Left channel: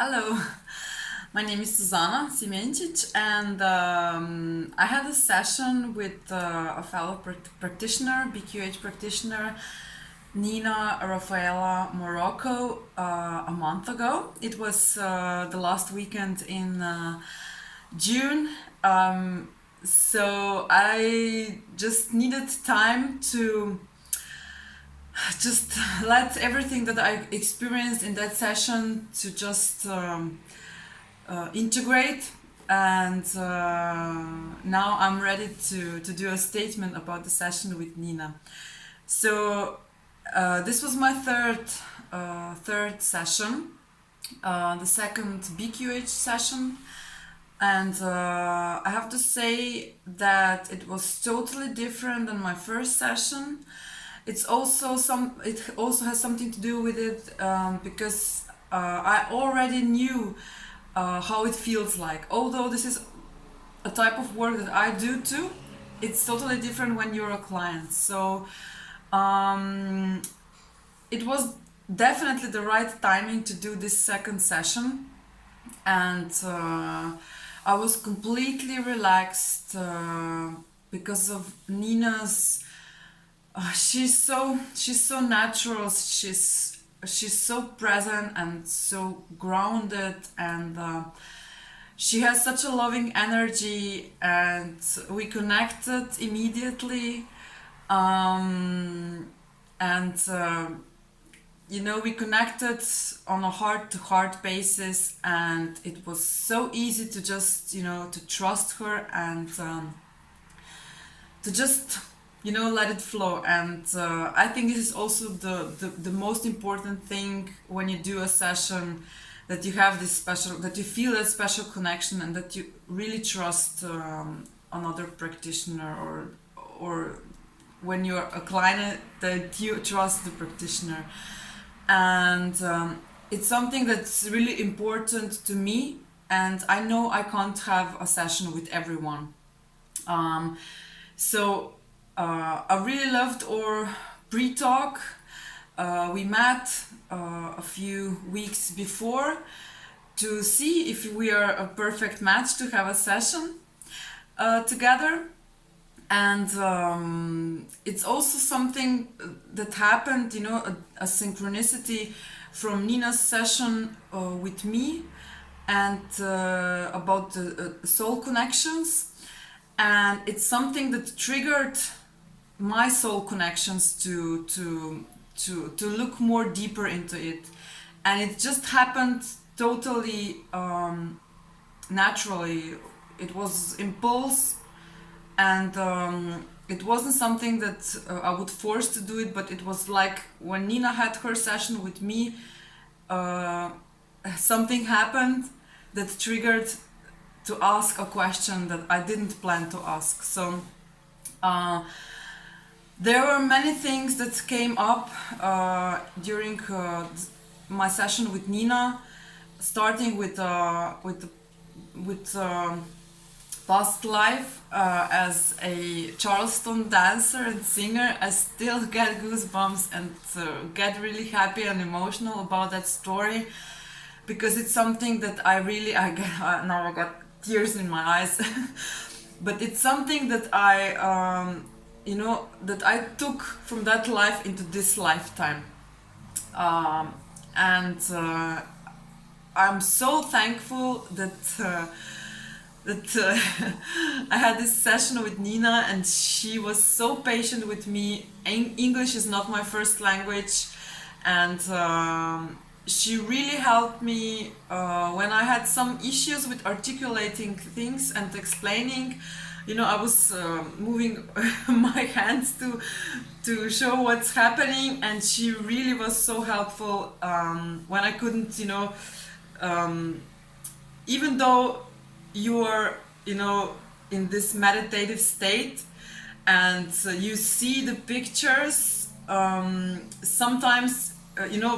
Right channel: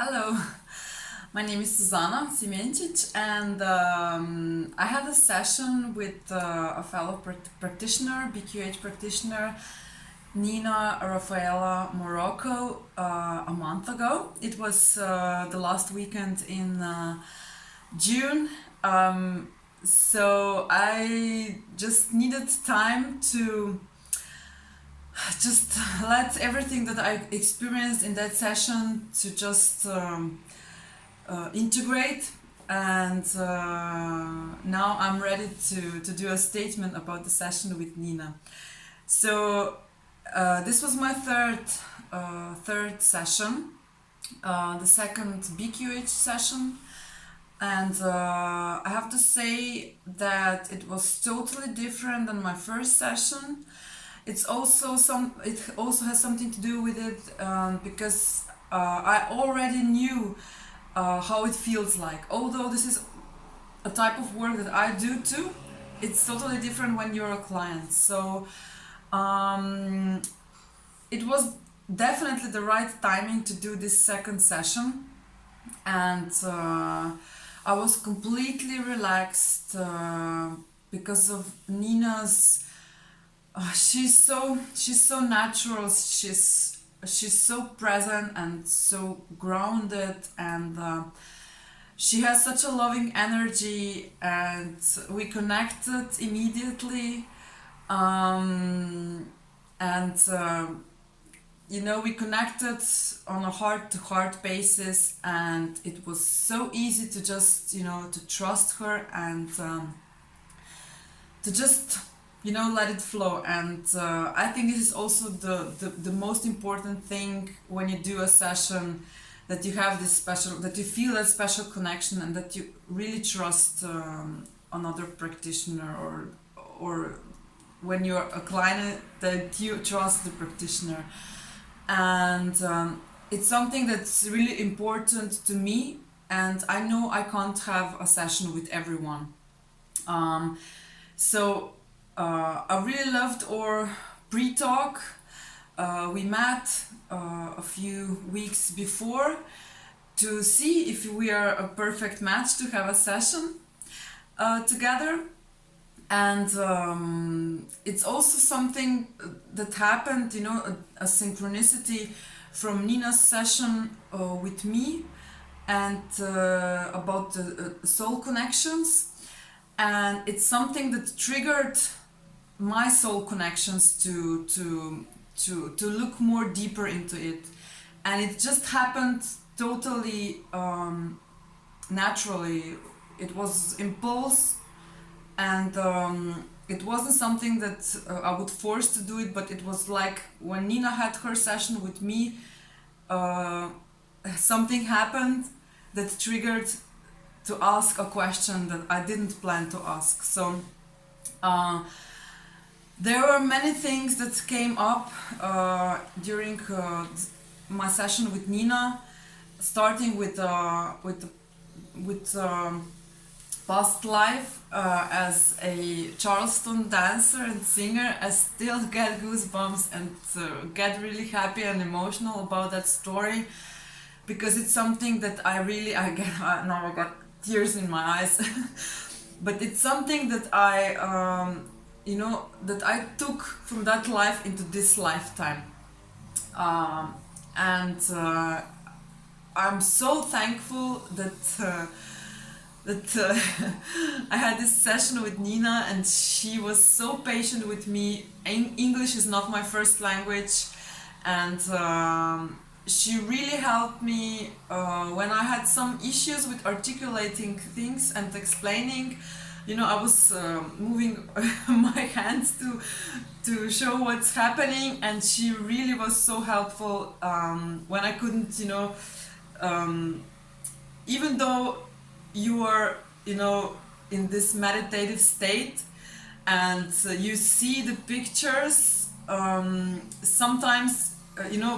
Hello, my name is Suzana Simiencic, and I had a session with a fellow practitioner, BQH practitioner, Nina Rafaela Morocco, a month ago. It was the last weekend in June, so I just needed time to just let everything that I experienced in that session to just integrate. And now I'm ready to do a statement about the session with Nina. So this was my third session, the second BQH session, and I have to say that it was totally different than my first session. It also has something to do with it because I already knew how it feels like. Although this is a type of work that I do too, it's totally different when you're a client. So it was definitely the right timing to do this second session, and I was completely relaxed because of Nina's. She's so natural. She's so present and so grounded, and she has such a loving energy, and we connected immediately. And we connected on a heart-to-heart basis, and it was so easy to just to trust her and to just let it flow. And I think this is also the most important thing when you do a session, that you have this special, that you feel that special connection, and that you really trust another practitioner, or when you're a client, that you trust the practitioner. And it's something that's really important to me, and I know I can't have a session with everyone. So I really loved our pre-talk. We met a few weeks before to see if we are a perfect match to have a session together. And it's also something that happened, a synchronicity from Nina's session with me, and about the soul connections. And it's something that triggered my soul connections to look more deeper into it. And it just happened totally naturally. It was impulse, and it wasn't something that I would force to do it, but it was like when Nina had her session with me, something happened that triggered to ask a question that I didn't plan to ask. So there were many things that came up during my session with Nina, starting with past life as a Charleston dancer and singer. I still get goosebumps and get really happy and emotional about that story, because it's something that I got tears in my eyes. But it's something that that I took from that life into this lifetime. And I'm so thankful that I had this session with Nina, and she was so patient with me. English is not my first language, and she really helped me when I had some issues with articulating things and explaining. I was moving my hands to show what's happening, and she really was so helpful when I couldn't, even though you are, in this meditative state, and you see the pictures, sometimes,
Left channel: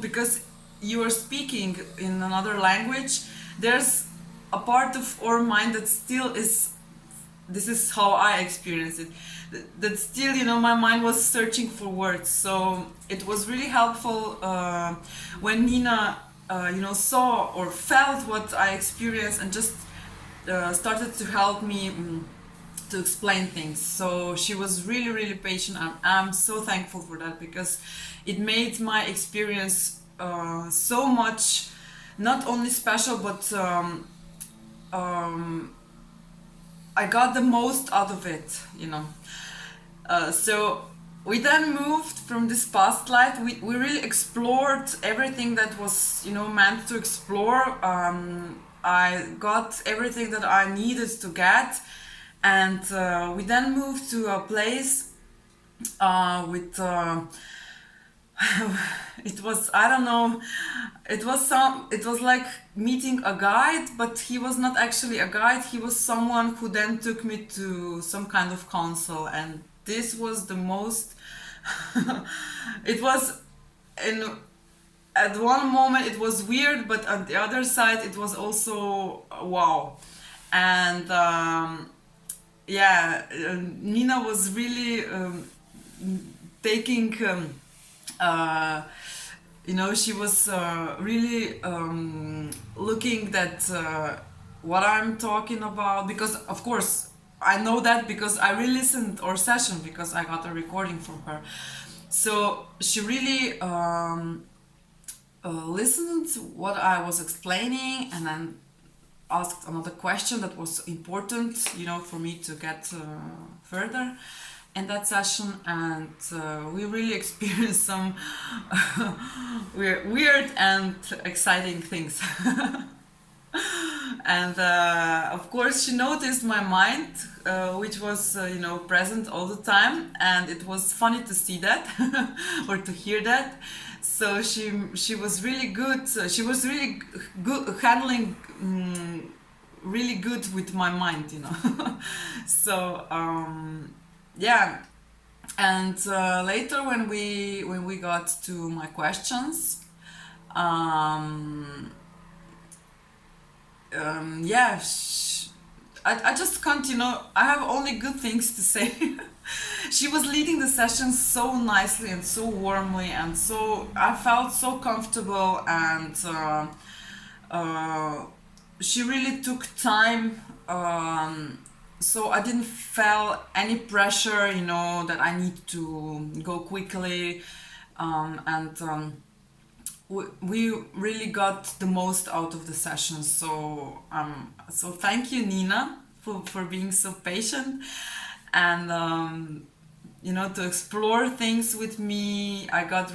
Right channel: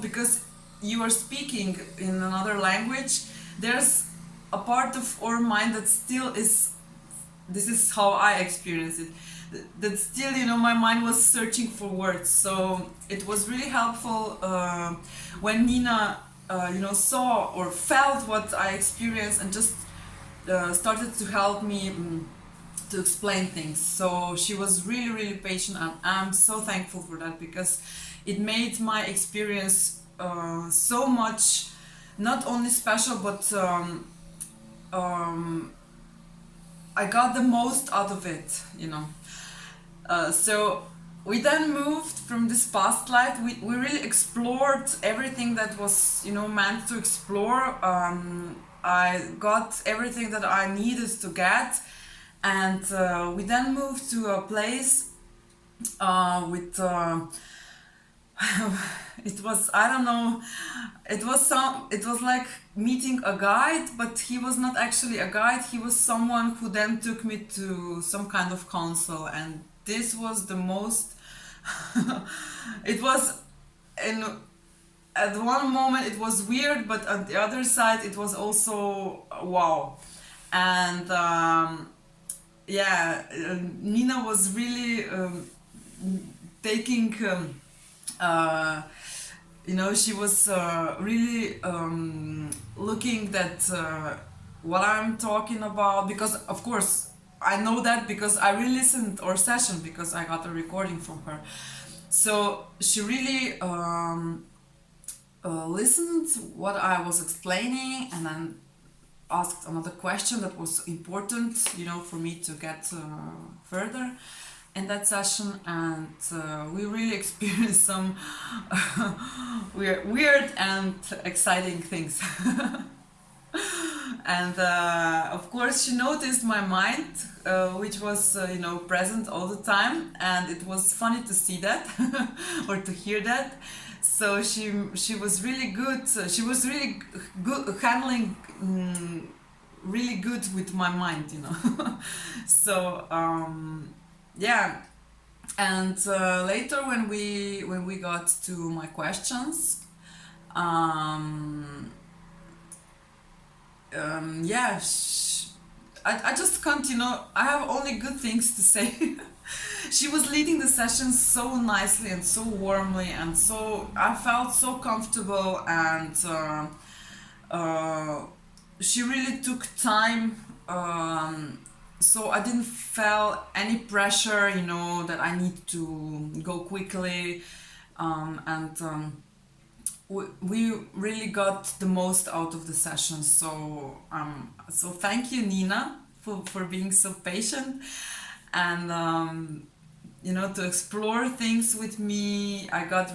because you are speaking in another language, there's a part of our mind that still is, this is how I experience it, that still, my mind was searching for words. So it was really helpful when Nina saw or felt what I experienced and just started to help me to explain things. So she was really, really patient. I'm so thankful for that, because it made my experience so much, not only special, but I got the most out of it. So we then moved from this past life. We really explored everything that was, meant to explore. I got everything that I needed to get, and we then moved to a place with. It was, I don't know, it was like meeting a guide, but he was not actually a guide. He was someone who then took me to some kind of council, and this was the most it was in at one moment it was weird, but on the other side it was also wow. And Nina was really taking she was really looking that what I'm talking about, because of course I know that because I re-listened our session, because I got a recording from her. So she really listened to what I was explaining, and then asked another question that was important, for me to get further in that session. And we really experienced some weird and exciting things. And of course she noticed my mind, which was present all the time, and it was funny to see that or to hear that. So she was really good. She was really good handling, really good with my mind. So yeah. And later when we got to my questions, I just can't, I have only good things to say. She was leading the session so nicely and so warmly, and so I felt so comfortable. And she really took time, so I didn't feel any pressure, that I need to go quickly. We really got the most out of the session. So thank you, Nina, for being so patient, and to explore things with me. I got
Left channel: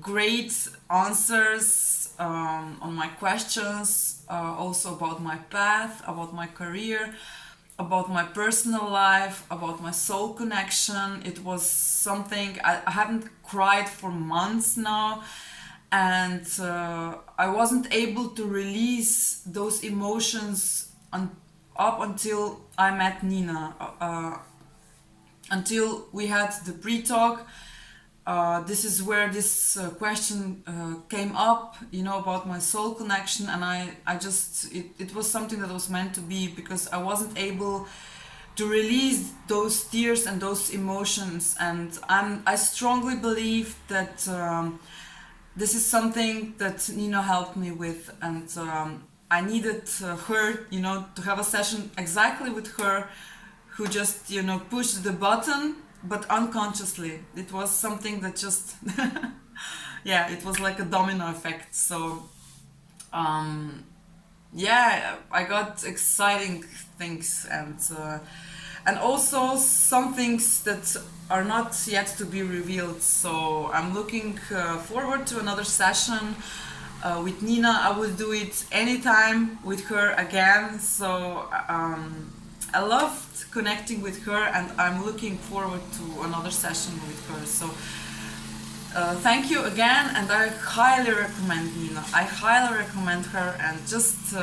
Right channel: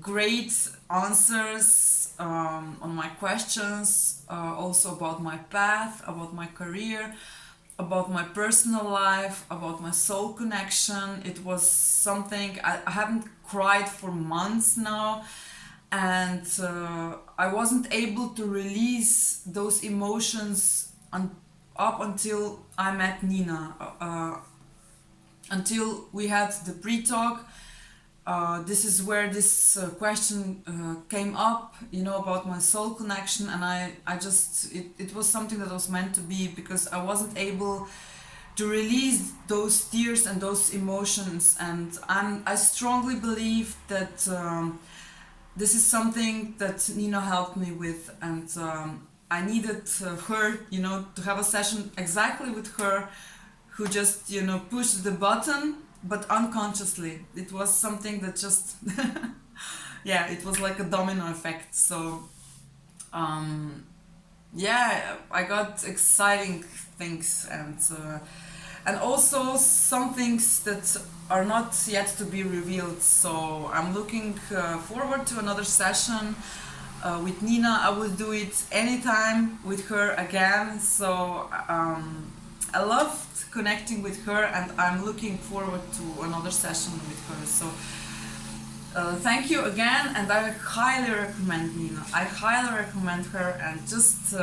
great answers on my questions, also about my path, about my career, about my personal life, about my soul connection. It was something I haven't cried for months now. And I wasn't able to release those emotions up until I met Nina. Until we had the pre-talk, this is where this question came up, about my soul connection. And I just, it was something that was meant to be, because I wasn't able to release those tears and those emotions. And I strongly believe that this is something that Nina helped me with, and I needed her, to have a session exactly with her, who just, pushed the button, but unconsciously. It was something that just, it was like a domino effect. So, I got exciting things, and also some things that are not yet to be revealed. So I'm looking forward to another session with Nina. I will do it anytime with her again. So I loved connecting with her, and I'm looking forward to another session with her. So thank you again, and I highly recommend Nina. I highly recommend her, and just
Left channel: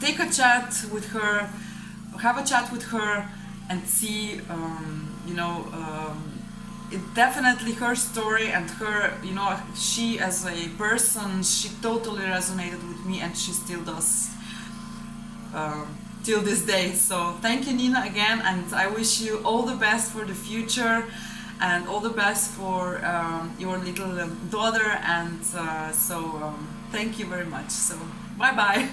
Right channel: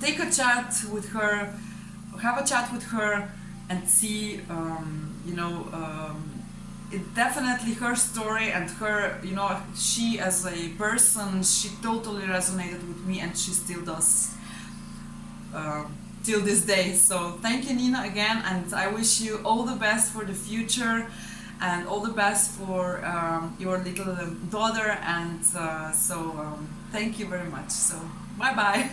take a chat with her, have a chat with her, and see. It definitely, her story and her, she as a person, she totally resonated with me, and she still does till this day. So thank you, Nina, again, and I wish you all the best for the future. and all the best for your little daughter. And thank you very much. So bye bye.